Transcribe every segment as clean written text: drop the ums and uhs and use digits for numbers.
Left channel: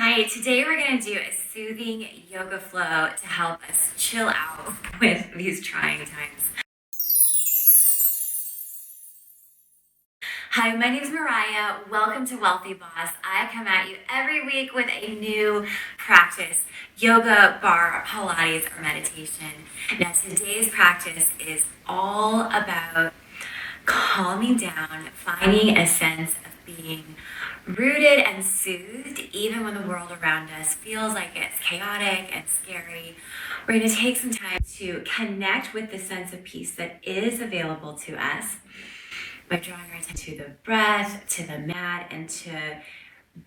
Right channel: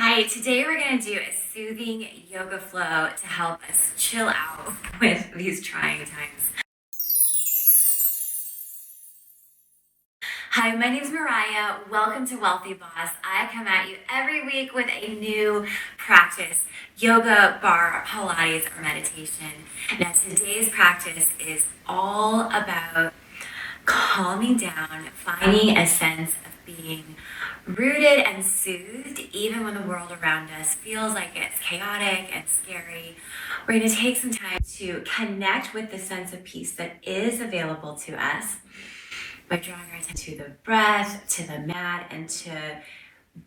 Hi, today we're going to do a soothing yoga flow to help us chill out with these trying times. Hi, my name is Mariah. Welcome to Wealthy Boss. I come at you every week with a new practice, yoga, barre, Pilates, or meditation. Now, today's practice is all about calming down, finding a sense of being rooted and soothed, even when the world around us feels like it's chaotic and scary. We're going to take some time to connect with the sense of peace that is available to us by drawing our attention to the breath, to the mat, and to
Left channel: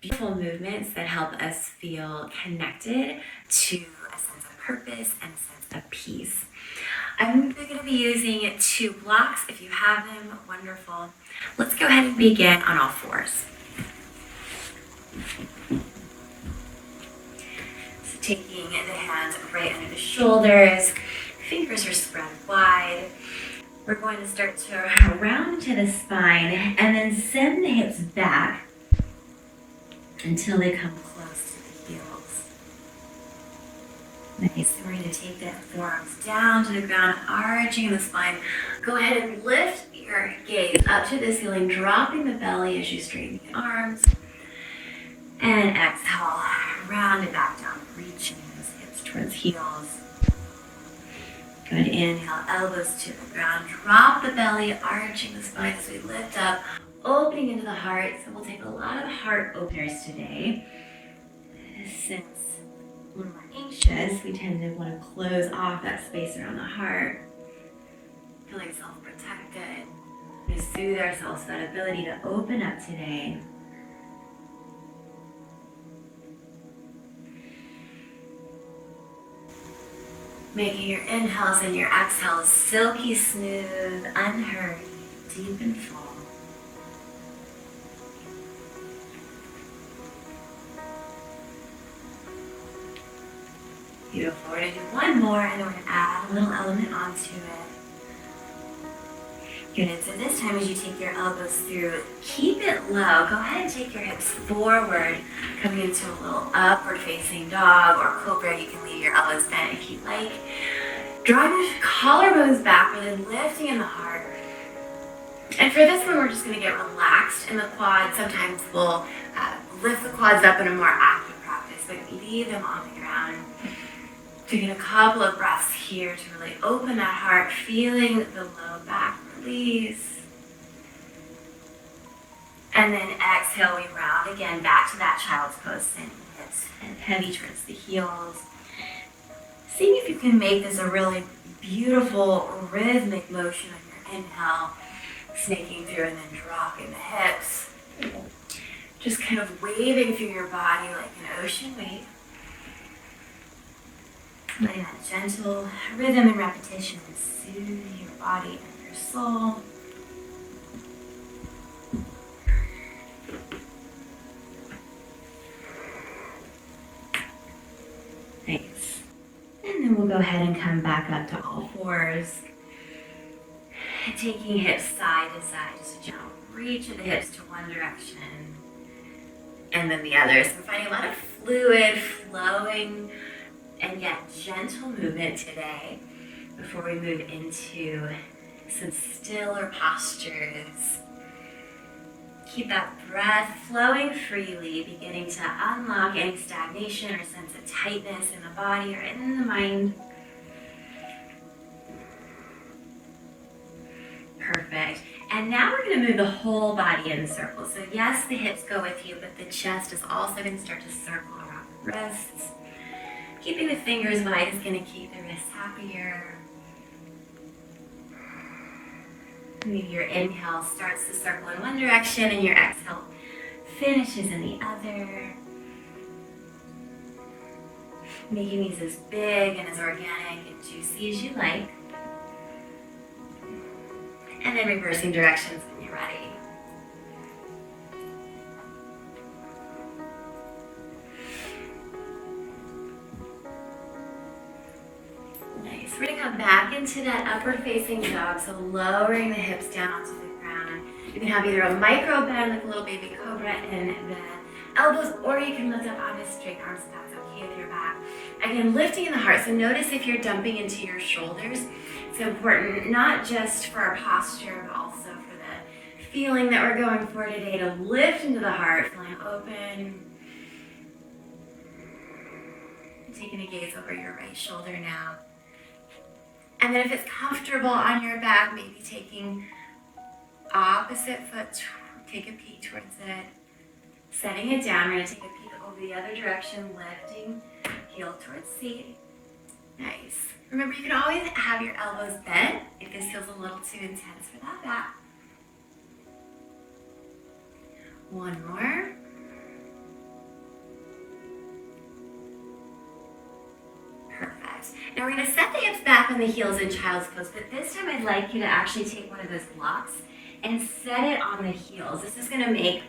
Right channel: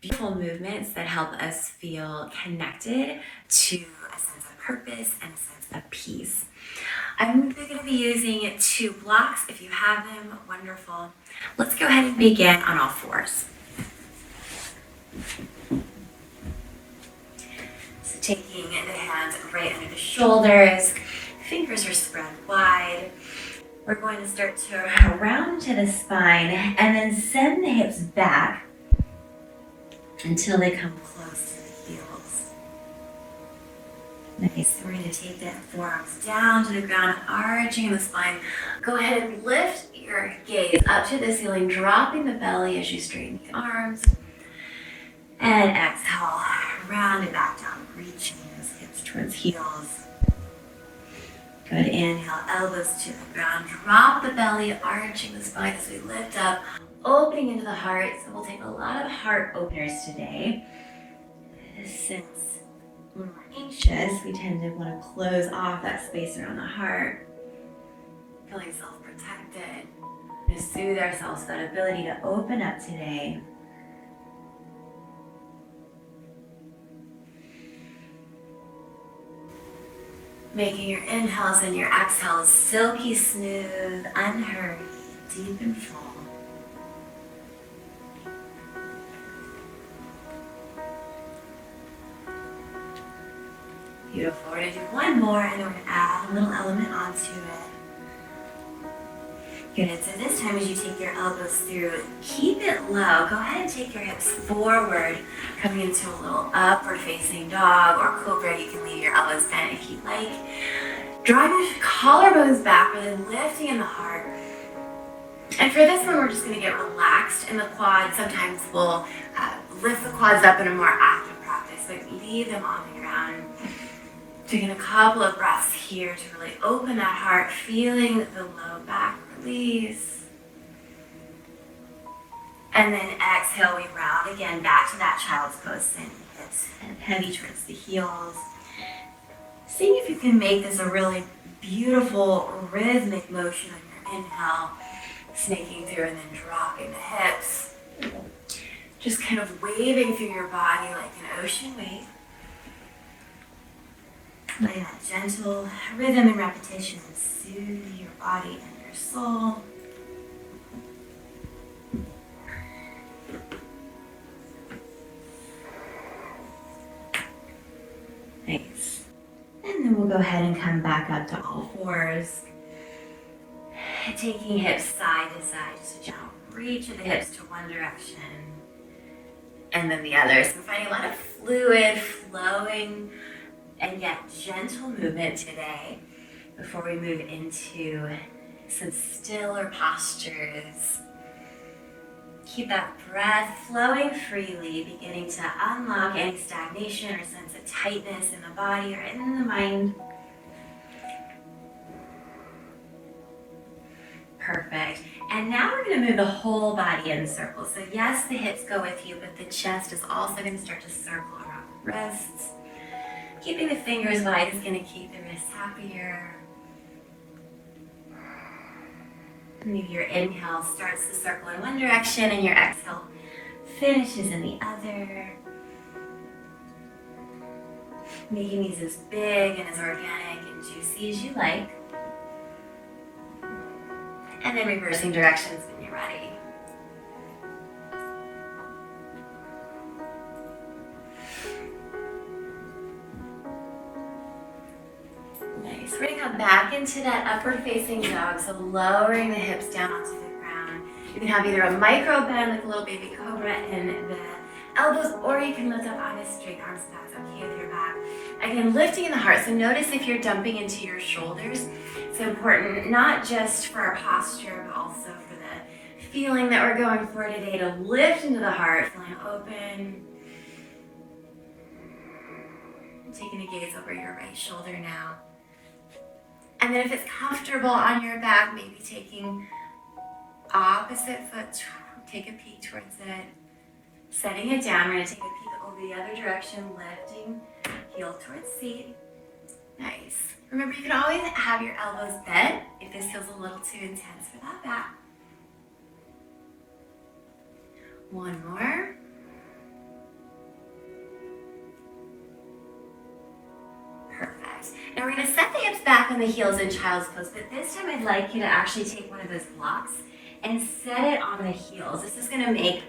beautiful movements that help us feel connected to a sense of purpose and a sense of peace. I'm going to be using 2 blocks. If you have them, wonderful. Let's go ahead and begin on all fours. So taking the hands right under the shoulders, fingers are spread wide. We're going to start to round to the spine and then send the hips back until they come close to the heels. Nice. So we're going to take the forearms down to the ground, arching the spine. Go ahead and lift your gaze up to the ceiling, dropping the belly as you straighten the arms. And exhale, round it back down, reaching those hips towards heels. Good, inhale, elbows to the ground, drop the belly, arching the spine as we lift up, opening into the heart. So we'll take a lot of heart openers today. Since when we're anxious, we tend to want to close off that space around the heart, feeling self-protected. To soothe ourselves, that ability to open up today. Making your inhales and your exhales silky smooth, unhurried, deep and full. Beautiful. We're going to do one more and then we're going to add a little element onto it. Good. So this time as you take your elbows through, keep it low. Go ahead and take your hips forward, coming into a little upward facing dog or cobra. You can leave your elbows bent if you like. Drawing your collarbones back, really lifting in the heart. And for this one, we're just going to get relaxed in the quads. Sometimes we'll lift the quads up in a more active practice, but leave them on the ground. Taking a couple of breaths here to really open that heart, feeling the low back release. And then exhale, we round again back to that child's pose, sending hips and heavy towards the heels. Seeing if you can make this a really beautiful rhythmic motion on your inhale, snaking through and then dropping the hips. Just kind of waving through your body like an ocean wave. Letting that gentle rhythm and repetition soothe your body and your soul. Nice. And then we'll go ahead and come back up to all fours. Taking hips side to side, just a gentle reach of the hips to one direction and then the other. So we're finding a lot of fluid flowing and yet gentle movement today before we move into some stiller postures. Keep that breath flowing freely, beginning to unlock any stagnation or sense of tightness in the body or in the mind. Perfect. And now we're going to move the whole body in a circle. So yes, the hips go with you, but the chest is also going to start to circle around the wrists. Keeping the fingers wide is going to keep the wrists happier. Maybe your inhale starts to circle in one direction and your exhale finishes in the other. Making these as big and as organic and juicy as you like. And then reversing directions when you're ready. Nice. We're going to come back into that upward facing dog, so lowering the hips down onto the ground. You can have either a micro bend like a little baby cobra and the elbows, or you can lift up onto straight arms if that's okay with your back. Again, lifting in the heart. So notice if you're dumping into your shoulders. It's important, not just for our posture, but also for the feeling that we're going for today, to lift into the heart, feeling open. And taking a gaze over your right shoulder now. And then if it's comfortable on your back, maybe taking opposite foot, take a peek towards it. Setting it down, we're going to take a peek over the other direction, lifting, heel towards seat. Nice. Remember, you can always have your elbows bent if this feels a little too intense for that back. One more. Perfect. Now we're going to set the hips back on the heels in child's pose, but this time I'd like you to actually take one of those blocks and set it on the heels. This is going to make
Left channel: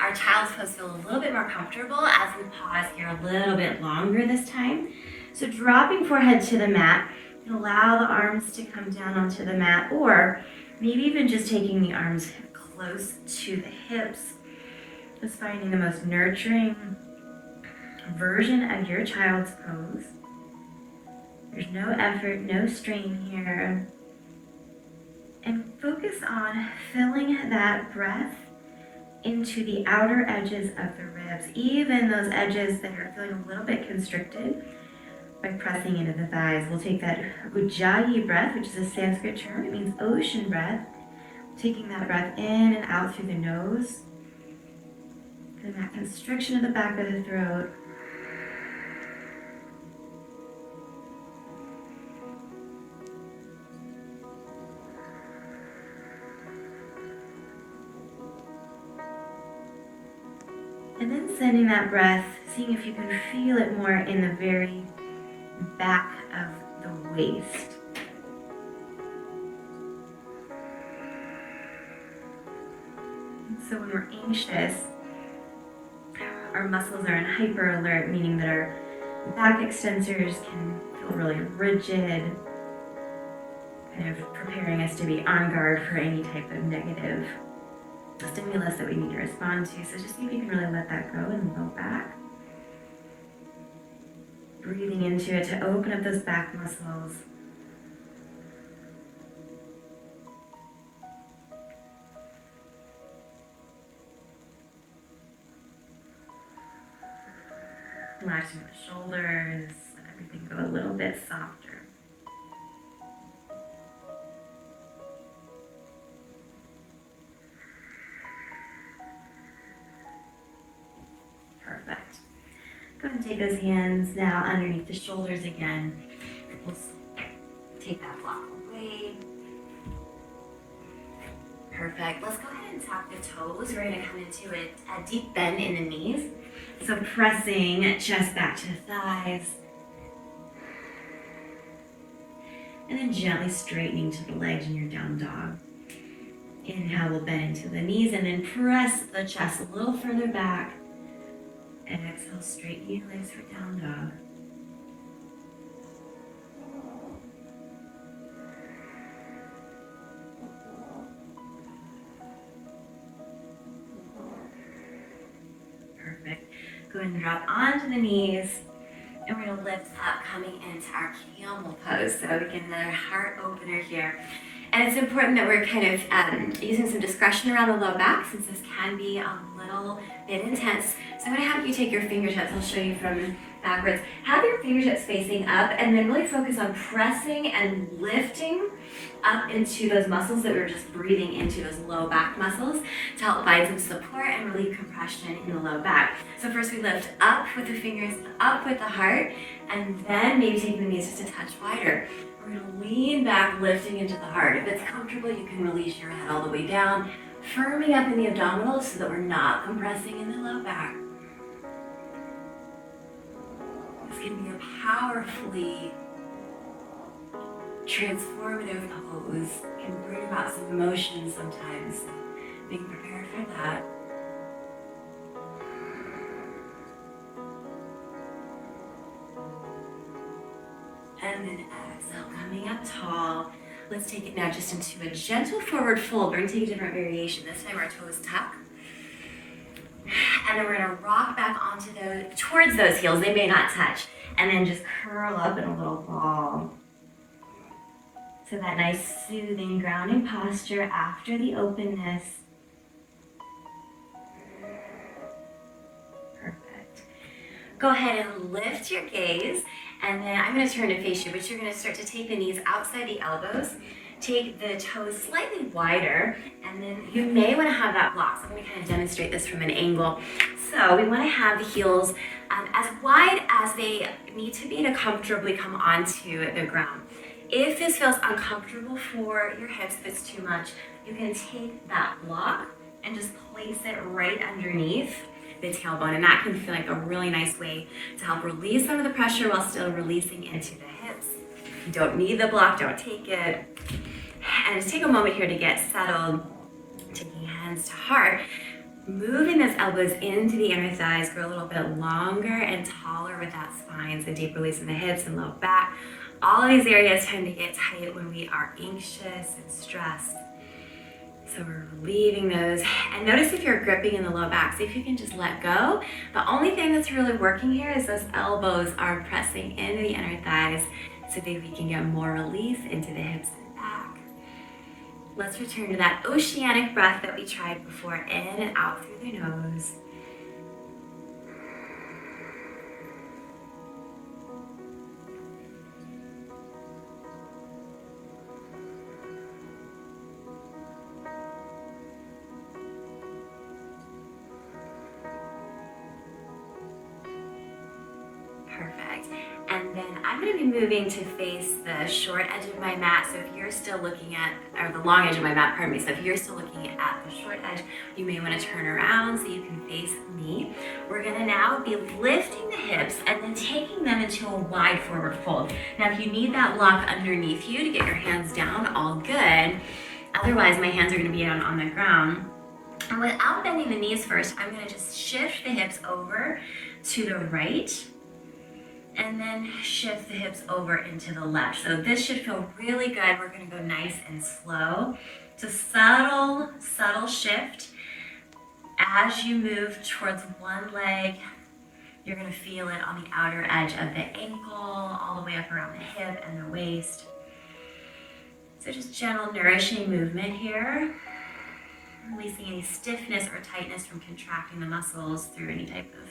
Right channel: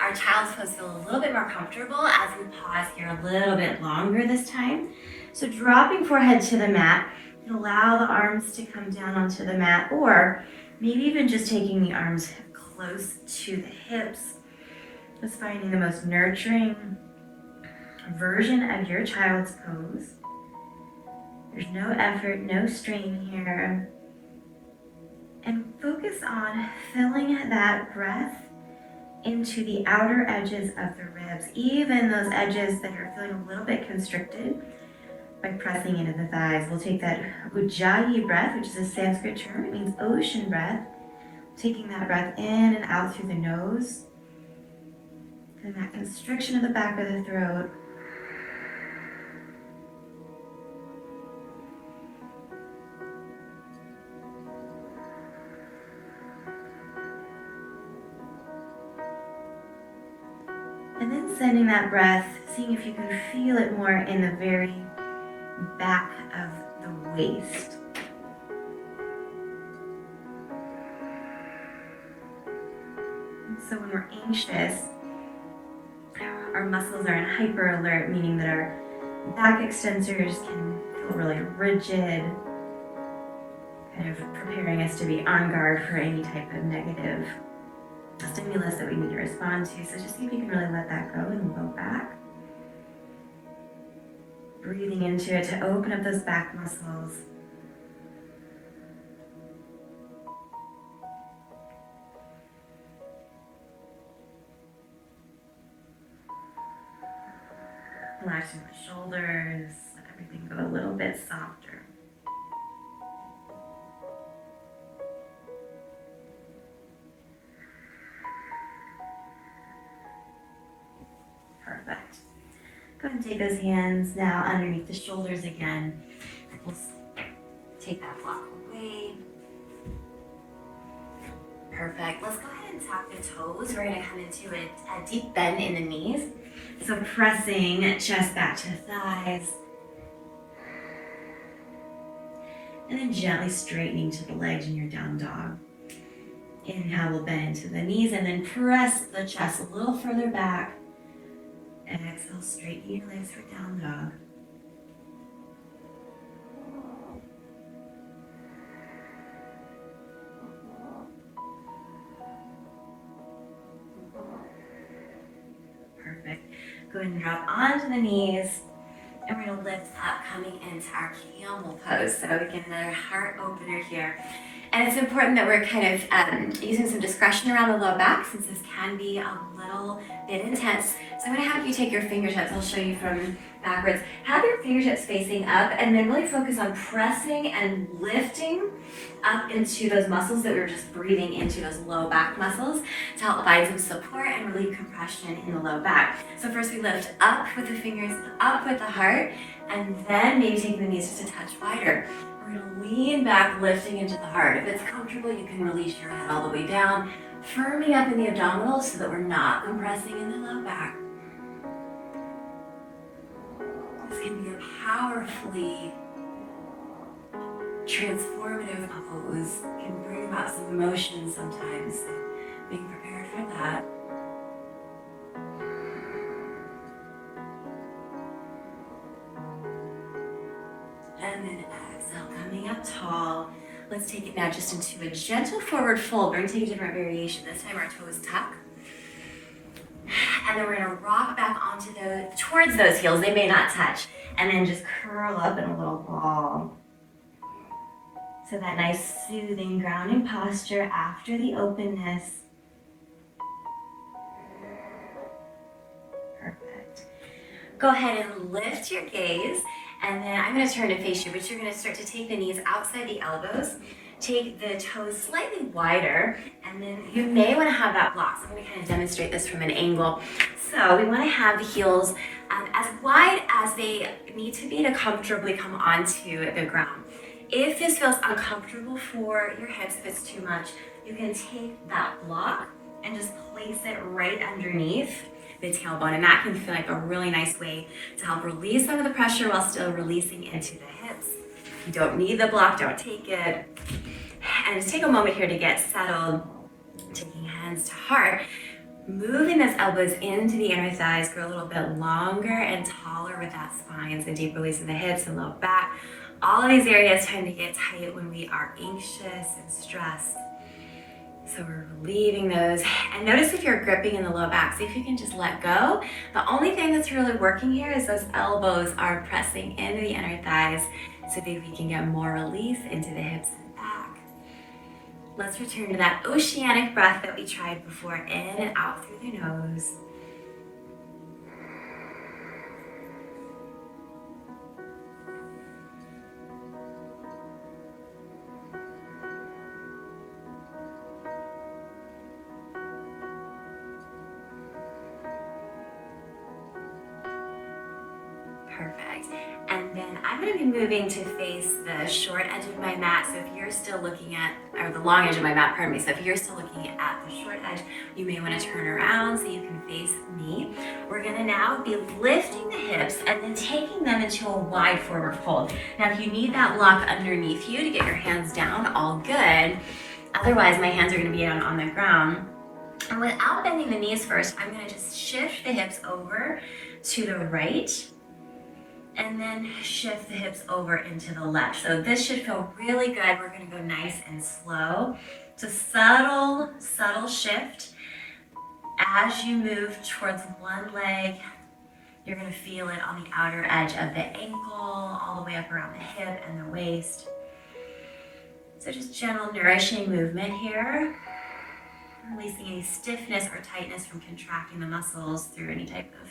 our child's pose feel a little bit more comfortable as we pause here a little bit longer this time. So dropping forehead to the mat, allow the arms to come down onto the mat, or maybe even just taking the arms close to the hips. Just finding the most nurturing version of your child's pose. There's no effort, no strain here. And focus on filling that breath into the outer edges of the ribs, even those edges that are feeling a little bit constricted, by pressing into the thighs. We'll take that Ujjayi breath, which is a Sanskrit term. It means ocean breath. Taking that breath in and out through the nose. And that constriction of the back of the throat. And then sending that breath, seeing if you can feel it more in the very back of the waist. And so when we're anxious, our muscles are in hyper alert, meaning that our back extensors can feel really rigid, kind of preparing us to be on guard for any type of negative stimulus that we need to respond to. So just see if you can really let that go in the low back. Breathing into it to open up those back muscles. Relaxing the shoulders, let everything go a little bit softer. Perfect. Go ahead and take those hands now underneath the shoulders again. We'll take that block away. Perfect. Let's go ahead and tap the toes. We're going to come into a deep bend in the knees. So pressing chest back to the thighs. And then gently straightening to the legs in your down dog. Inhale, we'll bend into the knees and then press the chest a little further back. Exhale, straighten your legs for down dog. Perfect. Go ahead and drop onto the knees. And we're going to lift up, coming into our camel pose. So again, another heart opener here. And it's important that we're kind of using some discretion around the low back, since this can be a little bit intense. So I'm going to have you take your fingertips. I'll show you from backwards. Have your fingertips facing up, and then really focus on pressing and lifting up into those muscles that we're just breathing into, those low back muscles, to help find some support and relieve compression in the low back. So first we lift up with the fingers, up with the heart, and then maybe taking the knees just a touch wider. We're going to lean back, lifting into the heart. If it's comfortable, you can release your head all the way down, firming up in the abdominals so that we're not compressing in the low back. This can be a powerfully transformative pose. It can bring about some emotion sometimes. Being prepared for that. And then exhale, coming up tall. Let's take it now just into a gentle forward fold. We're going to take a different variation. This time our toes tuck. And then we're gonna rock back towards those heels. They may not touch. And then just curl up in a little ball. So that nice soothing grounding posture after the openness. Perfect. Go ahead and lift your gaze, and then I'm going to turn to face you, but you're going to start to take the knees outside the elbows, take the toes slightly wider, and then you may want to have that block. So I'm going to kind of demonstrate this from an angle. So we want to have the heels as wide as they need to be to comfortably come onto the ground. If this feels uncomfortable for your hips, if it's too much, you can take that block and just place it right underneath the tailbone, and that can feel like a really nice way to help release some of the pressure while still releasing into the hips. If you don't need the block, don't take it. And just take a moment here to get settled, taking hands to heart, moving those elbows into the inner thighs, grow a little bit longer and taller with that spine, so deep release in the hips and low back. All of these areas tend to get tight when we are anxious and stressed. So we're relieving those. And notice if you're gripping in the low back, see if you can just let go. The only thing that's really working here is those elbows are pressing into the inner thighs so that we can get more release into the hips and back. Let's return to that oceanic breath that we tried before, in and out through the nose. Perfect. And then I'm going to be moving to face the short edge of my mat. So if you're still looking at, or the long edge of my mat, pardon me. So if you're still looking at the short edge, you may want to turn around so you can face me. We're going to now be lifting the hips and then taking them into a wide forward fold. Now, if you need that block underneath you to get your hands down, all good. Otherwise, my hands are going to be on the ground. And without bending the knees first, I'm going to just shift the hips over to the right, and then shift the hips over into the left. So this should feel really good. We're gonna go nice and slow. It's a subtle, subtle shift. As you move towards one leg, you're gonna feel it on the outer edge of the ankle, all the way up around the hip and the waist. So just gentle, nourishing movement here. Releasing any stiffness or tightness from contracting the muscles through any type of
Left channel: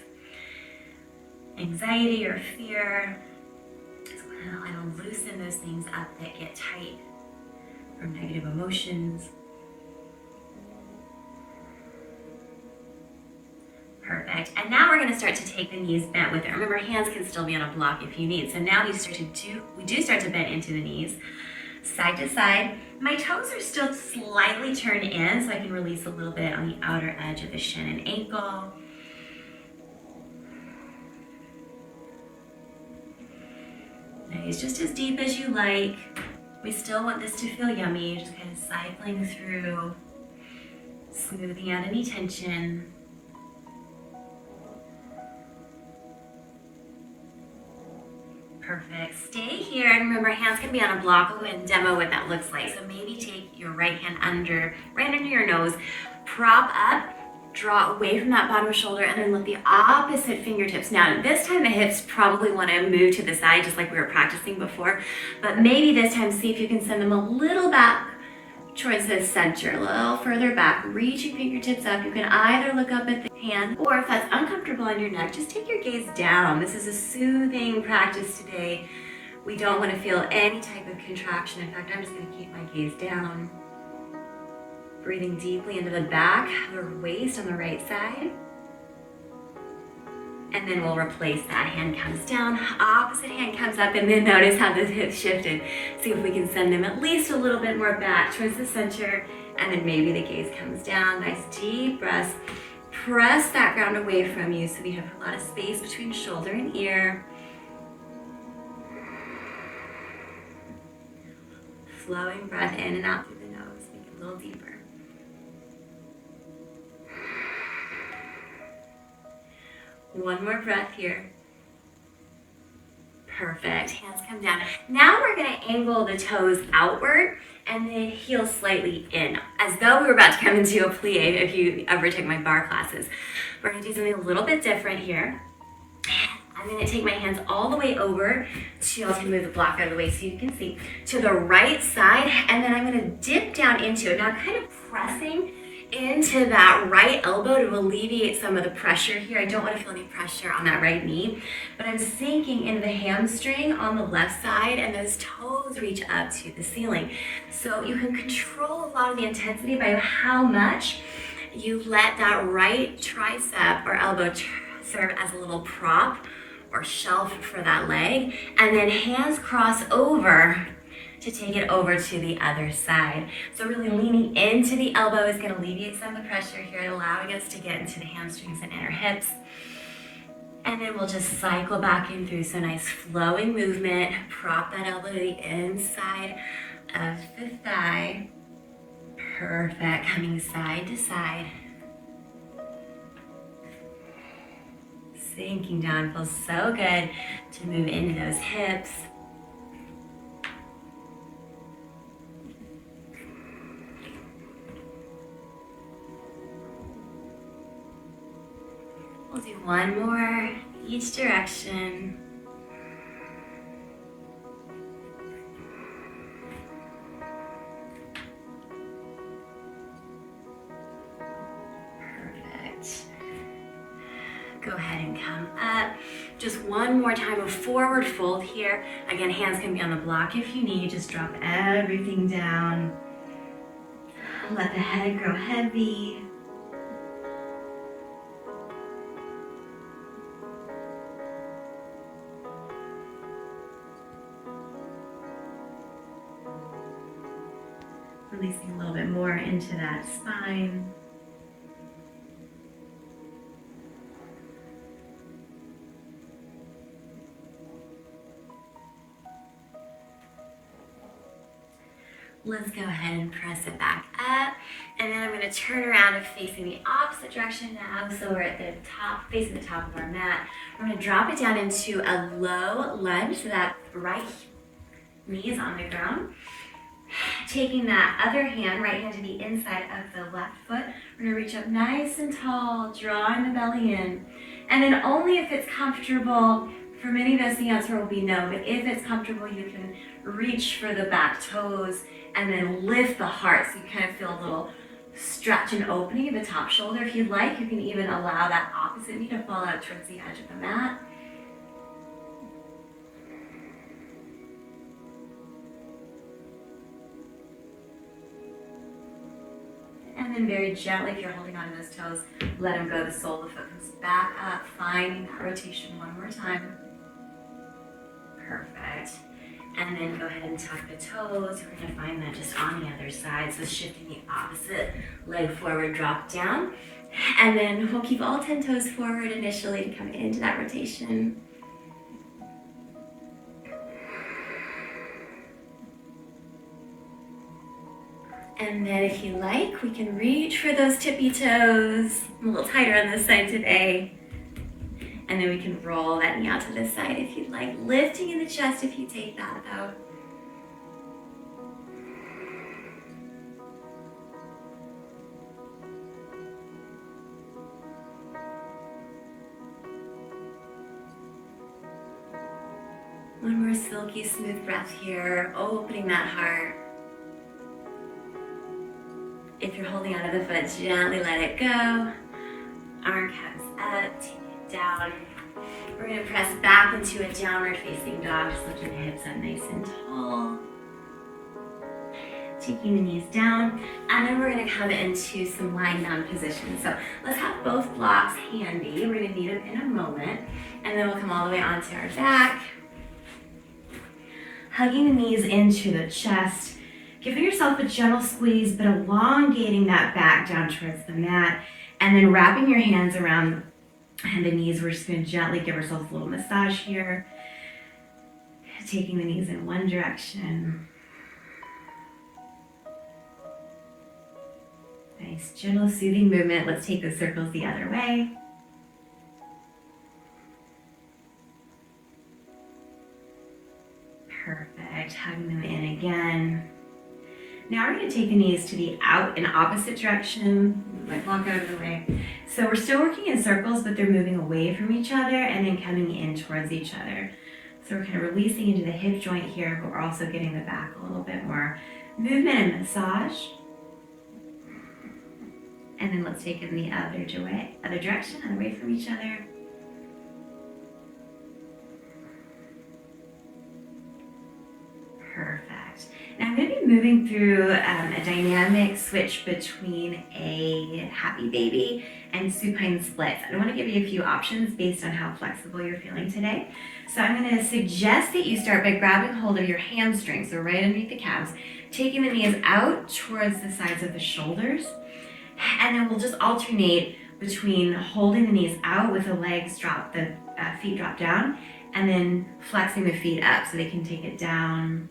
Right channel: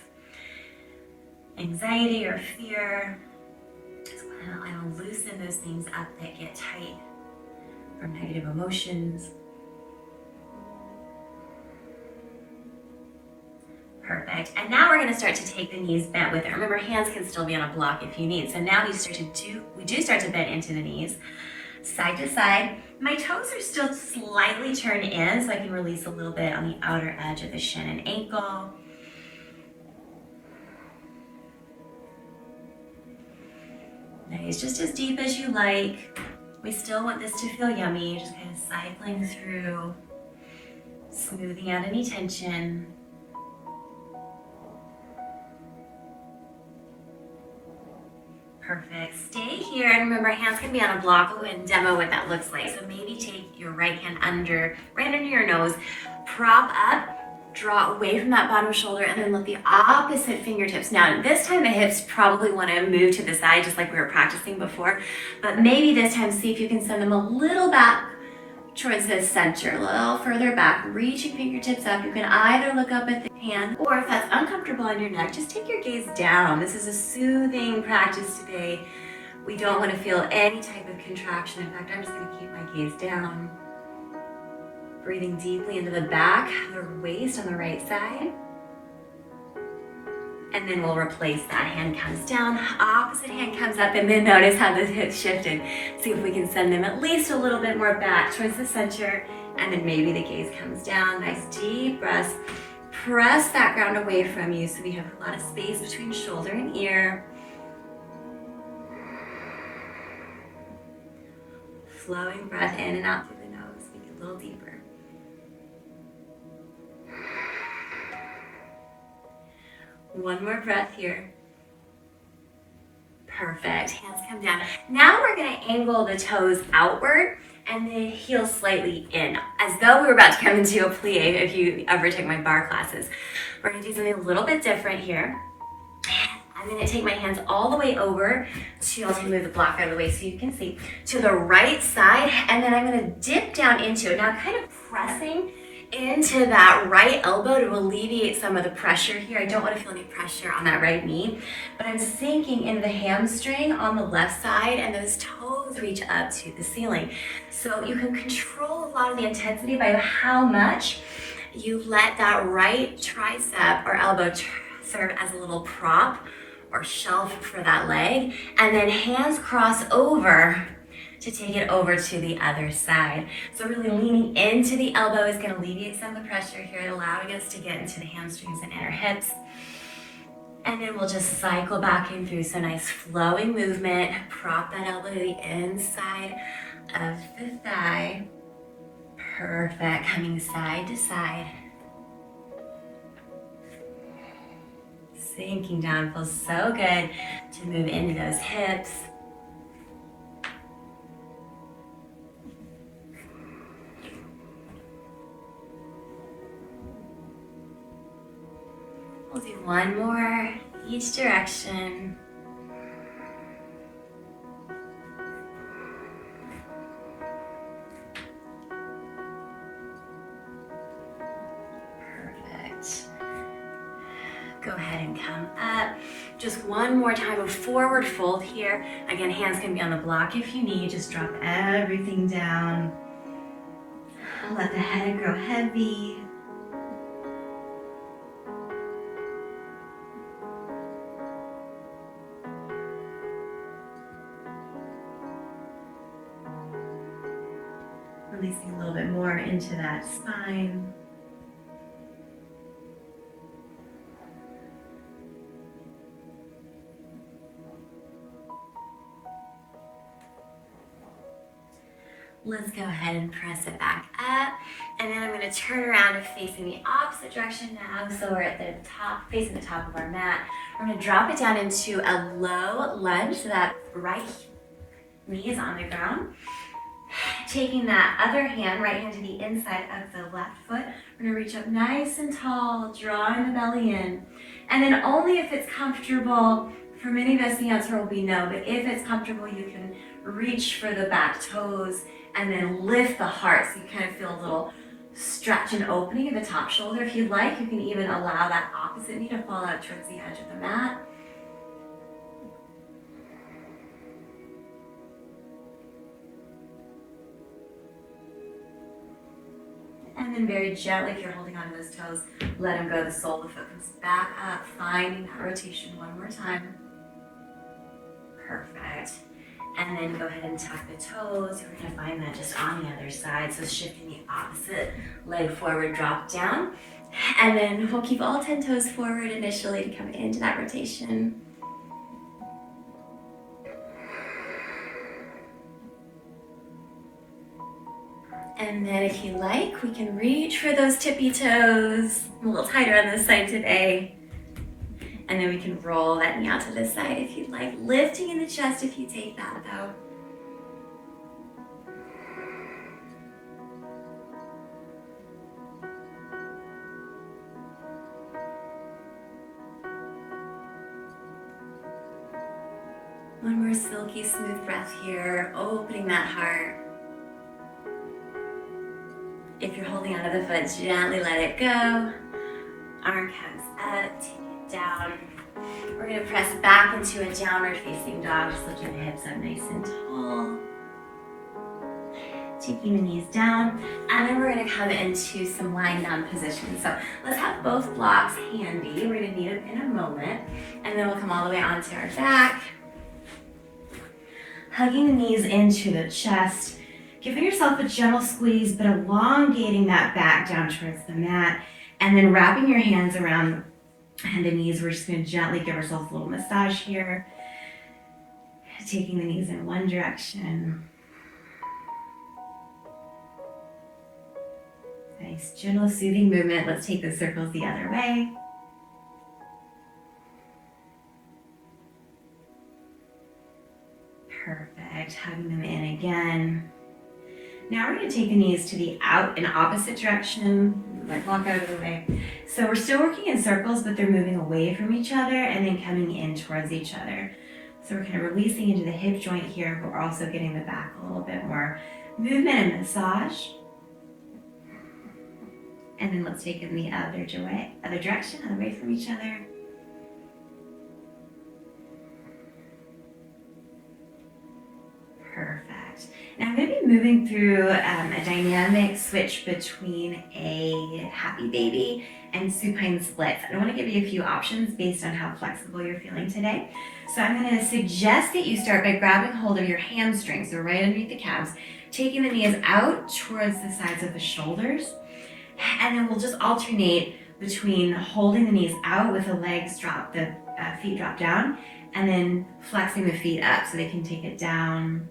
anxiety or fear. Just want to loosen those things up that get tight from negative emotions. Perfect. And now we're going to start to take the knees bent with it. Remember, hands can still be on a block if you need. So now we do start to bend into the knees, side to side. My toes are still slightly turned in, so I can release a little bit on the outer edge of the shin and ankle. Nice, just as deep as you like. We still want this to feel yummy, just kind of cycling through, smoothing out any tension. Perfect. Stay here, and remember, hands can be on a block. I'll go ahead and demo what that looks like. So maybe take your right hand right under your nose, prop up, draw away from that bottom shoulder, and then let the opposite fingertips. Now, this time the hips probably want to move to the side, just like we were practicing before. But maybe this time, see if you can send them a little back towards the center, a little further back. Reaching fingertips up. You can either look up at the hand, or if that's uncomfortable on your neck, just take your gaze down. This is a soothing practice today. We don't want to feel any type of contraction. In fact, I'm just going to keep my gaze down. Breathing deeply into the back of the waist on the right side. And then we'll replace that. Hand comes down, opposite hand comes up, and then notice how the hips shifted. See if we can send them at least a little bit more back towards the center, and then maybe the gaze comes down. Nice deep breaths. Press that ground away from you so we have a lot of space between shoulder and ear. Flowing breath in and out through the nose. Make it a little deeper. One more breath here. Perfect. Hands come down. Now we're going to angle the toes outward and the heel slightly in, as though we were about to come into a plie if you ever take my barre classes. We're gonna do something a little bit different here. I'm gonna take my hands all the way over to, I'll move the block out of the way so you can see, to the right side, and then I'm gonna dip down into it. Now I'm kind of pressing into that right elbow to alleviate some of the pressure here. I don't want to feel any pressure on that right knee, but I'm sinking in the hamstring on the left side, and those toes reach up to the ceiling. So you can control a lot of the intensity by how much you let that right tricep or elbow serve as a little prop or shelf for that leg, and then hands cross over to take it over to the other side. So really leaning into the elbow is gonna alleviate some of the pressure here, allowing us to get into the hamstrings and inner hips. And then we'll just cycle back in through, so nice flowing movement. Prop that elbow to the inside of the thigh. Perfect, coming side to side. Sinking down, feels so good to move into those hips. We'll do one more each direction. Perfect. Go ahead and come up. Just one more time of forward fold here. Again, hands can be on the block if you need. Just drop everything down. Let the head grow heavy. Releasing a little bit more into that spine. Let's go ahead and press it back up. And then I'm going to turn around and facing the opposite direction now. So we're at the top, facing the top of our mat. We're going to drop it down into a low lunge so that right knee is on the ground. Taking that other hand, right hand to the inside of the left foot, we're going to reach up nice and tall, drawing the belly in. And then only if it's comfortable, for many of us the answer will be no, but if it's comfortable, you can reach for the back toes and then lift the heart so you kind of feel a little stretch and opening at the top shoulder. If you'd like, you can even allow that opposite knee to fall out towards the edge of the mat. And then very gently, if you're holding on to those toes, let them go. The sole of the foot comes back up, finding that rotation one more time. Perfect. And then go ahead and tuck the toes. We're gonna find that just on the other side. So shifting the opposite leg forward, drop down. And then we'll keep all 10 toes forward initially to come into that rotation. And then if you like, we can reach for those tippy toes. I'm a little tighter on this side today. And then we can roll that knee out to the side if you'd like. Lifting in the chest if you take that though. One more silky smooth breath here, opening that heart. If you're holding onto the foot, gently let it go. Arm comes up, take it down. We're gonna press back into a downward facing dog, just lifting the hips up nice and tall. Taking the knees down, and then we're gonna come into some lying down position. So let's have both blocks handy. We're gonna need them in a moment, and then we'll come all the way onto our back. Hugging the knees into the chest. Giving yourself a gentle squeeze, but elongating that back down towards the mat. And then wrapping your hands around the knees. We're just going to gently give ourselves a little massage here. Taking the knees in one direction. Nice, gentle, soothing movement. Let's take the circles the other way. Perfect. Hugging them in again. Now we're going to take the knees to the out in opposite direction, like walk out of the way. So we're still working in circles, but they're moving away from each other and then coming in towards each other. So we're kind of releasing into the hip joint here, but we're also getting the back a little bit more movement and massage. And then let's take it in the other direction, away from each other. Perfect. Now I'm going to be moving through a dynamic switch between a happy baby and supine splits. I want to give you a few options based on how flexible you're feeling today. So I'm going to suggest that you start by grabbing hold of your hamstrings, so right underneath the calves, taking the knees out towards the sides of the shoulders, and then we'll just alternate between holding the knees out with the legs drop, the feet drop down, and then flexing the feet up so they can take it down,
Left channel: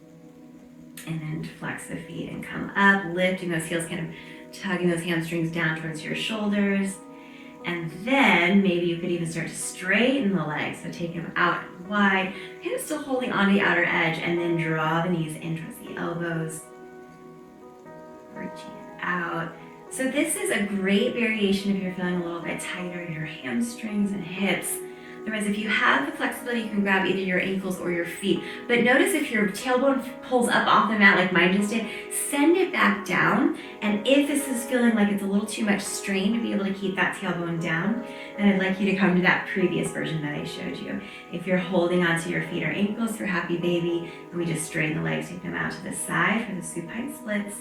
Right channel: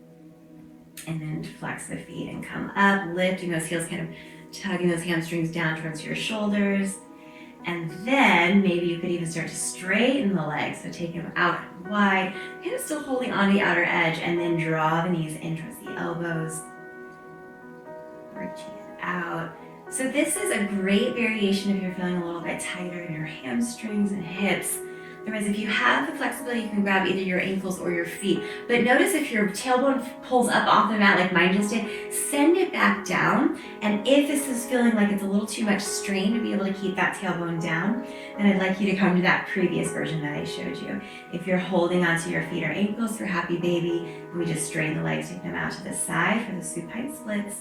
and then flex the feet and come up, lifting those heels, kind of tugging those hamstrings down towards your shoulders. And then maybe you could even start to straighten the legs, so take them out wide, kind of still holding on the outer edge, and then draw the knees in towards the elbows, reaching it out. So this is a great variation if you're feeling a little bit tighter in your hamstrings and hips. Otherwise, if you have the flexibility, you can grab either your ankles or your feet. But notice if your tailbone pulls up off the mat like mine just did, send it back down. And if this is feeling like it's a little too much strain to be able to keep that tailbone down, then I'd like you to come to that previous version that I showed you. If you're holding onto your feet or ankles for happy baby, and we just straighten the legs, take them out to the side for the supine splits.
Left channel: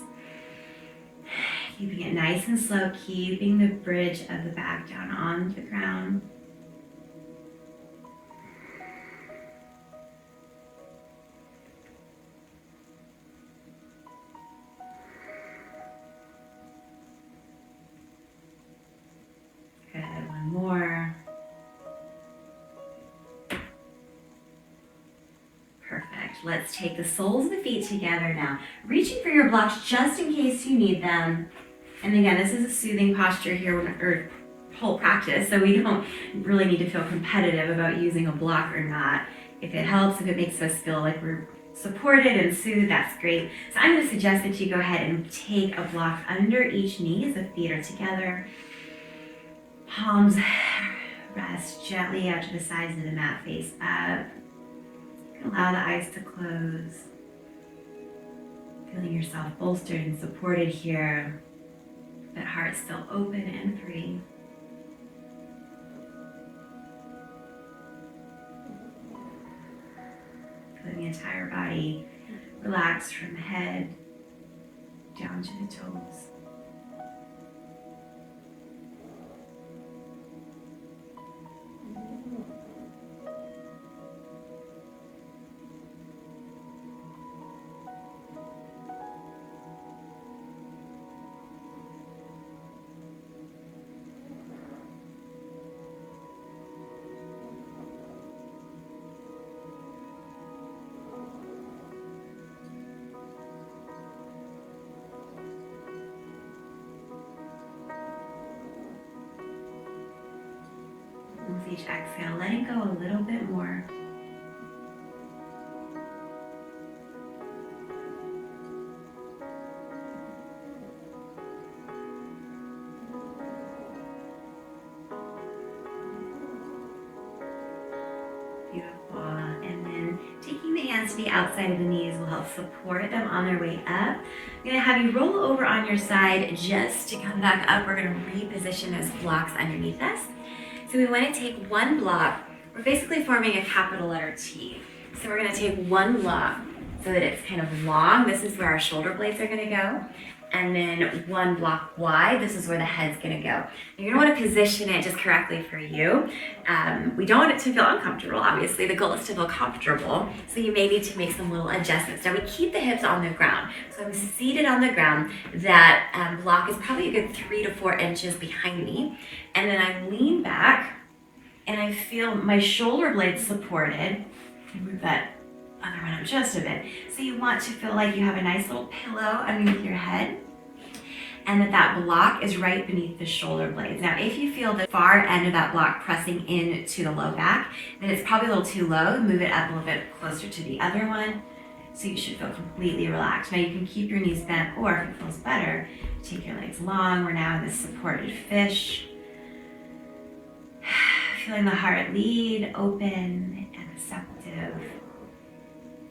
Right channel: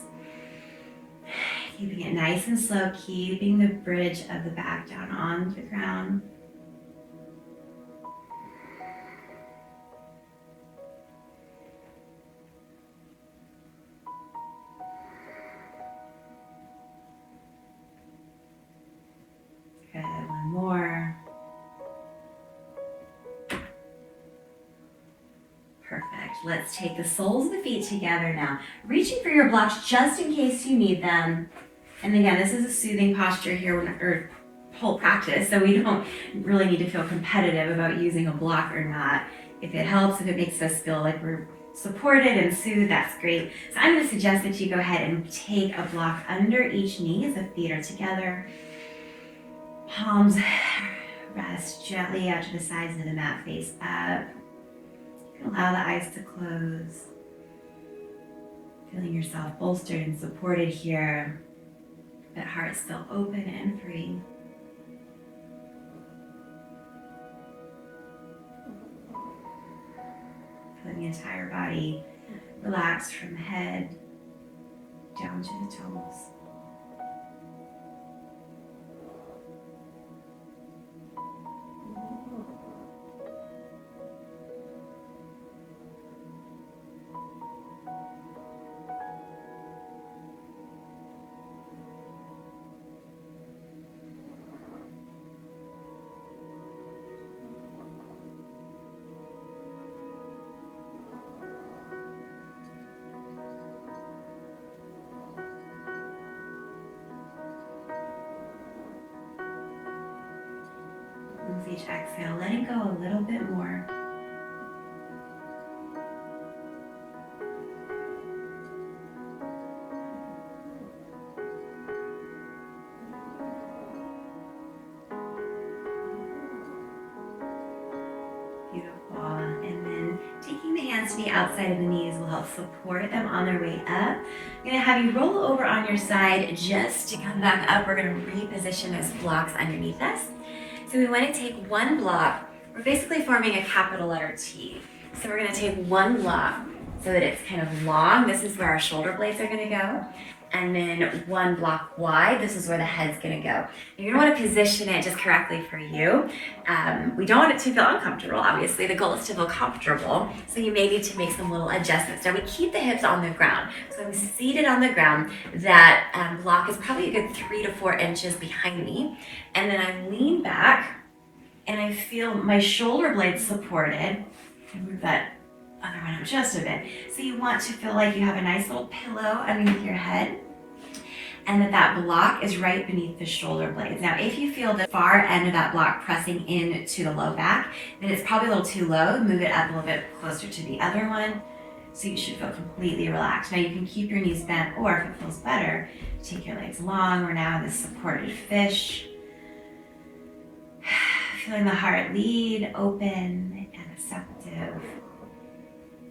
Keeping it nice and slow, keeping the bridge of the back down on the ground. Good, one more. Perfect. Let's take the soles of the feet together now. Reaching for your blocks just in case you need them. And again, this is a soothing posture here, or whole practice, so we don't really need to feel competitive about using a block or not. If it helps, if it makes us feel like we're supported and soothed, that's great. So I'm going to suggest that you go ahead and take a block under each knee as the feet are together. Palms rest gently out to the sides of the mat, face up. Allow the eyes to close. Feeling yourself bolstered and supported here, but heart still open and free. Feeling the entire body relaxed from head down to the toes. With each exhale, letting go a little bit more. Beautiful. And then taking the hands to the outside of the knees will help support them on their way up. I'm going to have you roll over on your side just to come back up. We're going to reposition those blocks underneath us. So we want to take one block. We're basically forming a capital letter T. So we're going to take one block so that it's kind of long. This is where our shoulder blades are going to go. And then one block wide, this is where the head's going to go. You're going to want to position it just correctly for you. We don't want it to feel uncomfortable, obviously. The goal is to feel comfortable. So you may need to make some little adjustments. Now we keep the hips on the ground. So I'm seated on the ground. That block is probably a good 3 to 4 inches behind me. And then I lean back and I feel my shoulder blades supported. Move that other one up just a bit. So you want to feel like you have a nice little pillow underneath your head and that block is right beneath the shoulder blades. Now, if you feel the far end of that block pressing into the low back, then it's probably a little too low. Move it up a little bit closer to the other one. So you should feel completely relaxed. Now you can keep your knees bent, or if it feels better, take your legs long. We're now in this supported fish. Feeling the heart lead, open and receptive.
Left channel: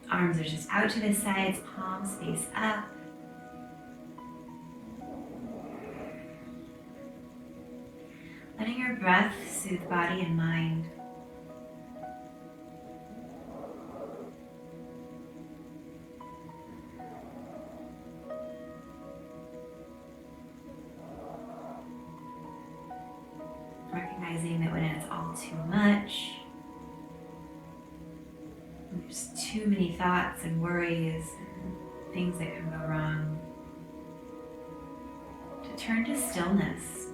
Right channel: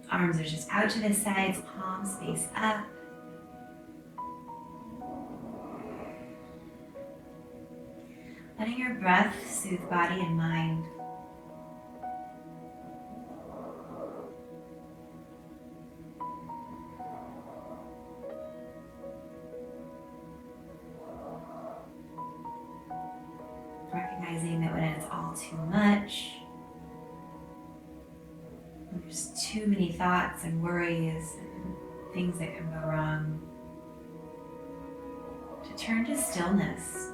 Arms are just out to the sides, palms face up. Letting your breath soothe body and mind. Recognizing that when it's all too much, there's too many thoughts and worries and things that can go wrong, to turn to stillness.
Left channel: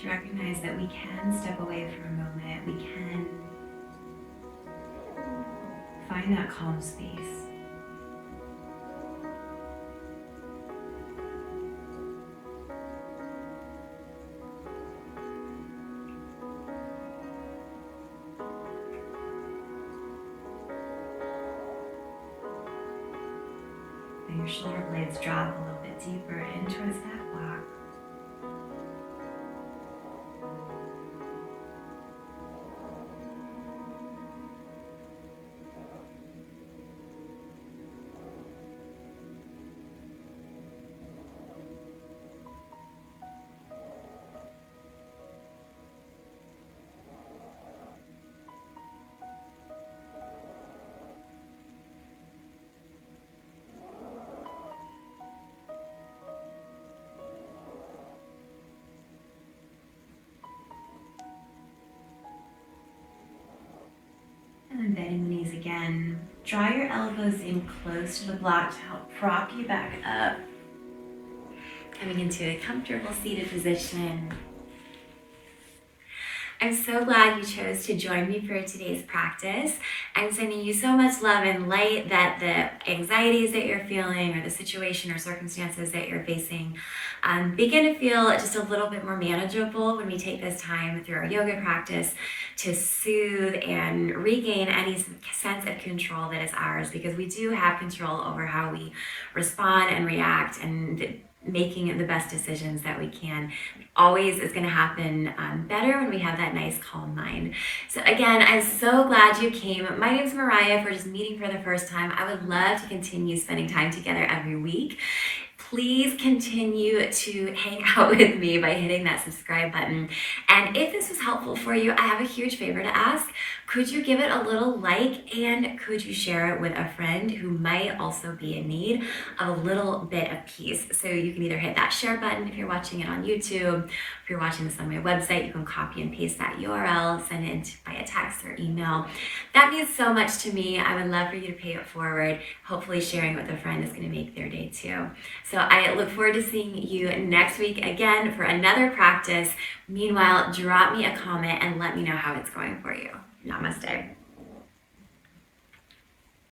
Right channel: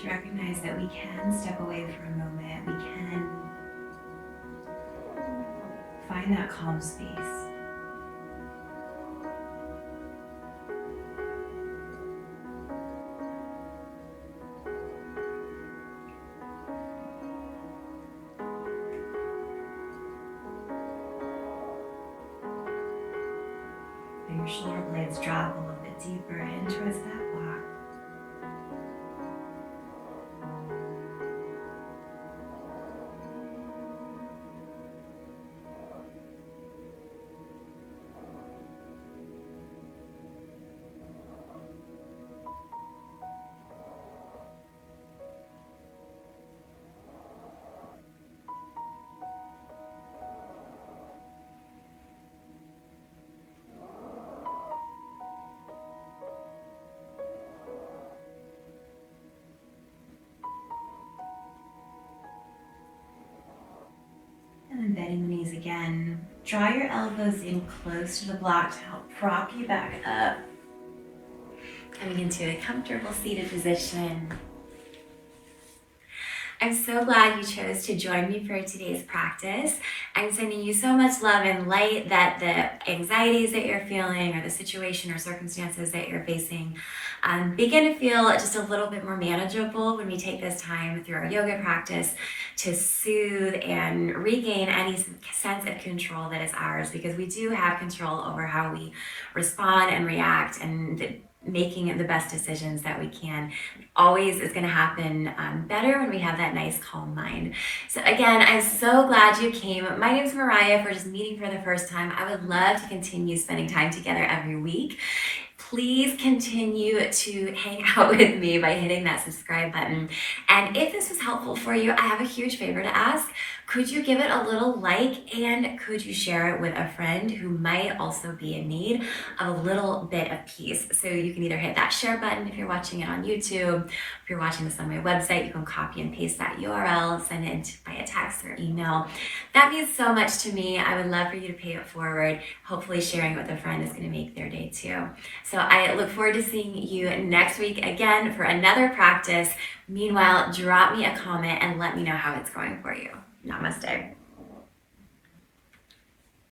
To recognize that we can step away for a moment, we can find that calm space. And your shoulder blades drop a little bit deeper in towards that block. And then bending the knees again. Draw your elbows in close to the block to help prop you back up. Coming into a comfortable seated position. I'm so glad you chose to join me for today's practice. I'm sending you so much love and light that the anxieties that you're feeling, or the situation or circumstances that you're facing, begin to feel just a little bit more manageable when we take this time through our yoga practice to soothe and regain any sense of control that is ours, because we do have control over how we respond and react, and making the best decisions that we can always is going to happen better when we have that nice calm mind. So again, I'm so glad you came. My name's Mariah. If we're just meeting for the first time, I would love to continue spending time together every week. Please continue to hang out with me by hitting that subscribe button. And if this was helpful for you, I have a huge favor to ask. Could you give it a little like, and could you share it with a friend who might also be in need of a little bit of peace? So you can either hit that share button if you're watching it on YouTube. If you're watching this on my website, you can copy and paste that URL, send it via text or email. That means so much to me. I would love for you to pay it forward. Hopefully sharing it with a friend is going to make their day too. So I look forward to seeing you next week again for another practice. Meanwhile, drop me a comment and let me know how it's going for you. Namaste.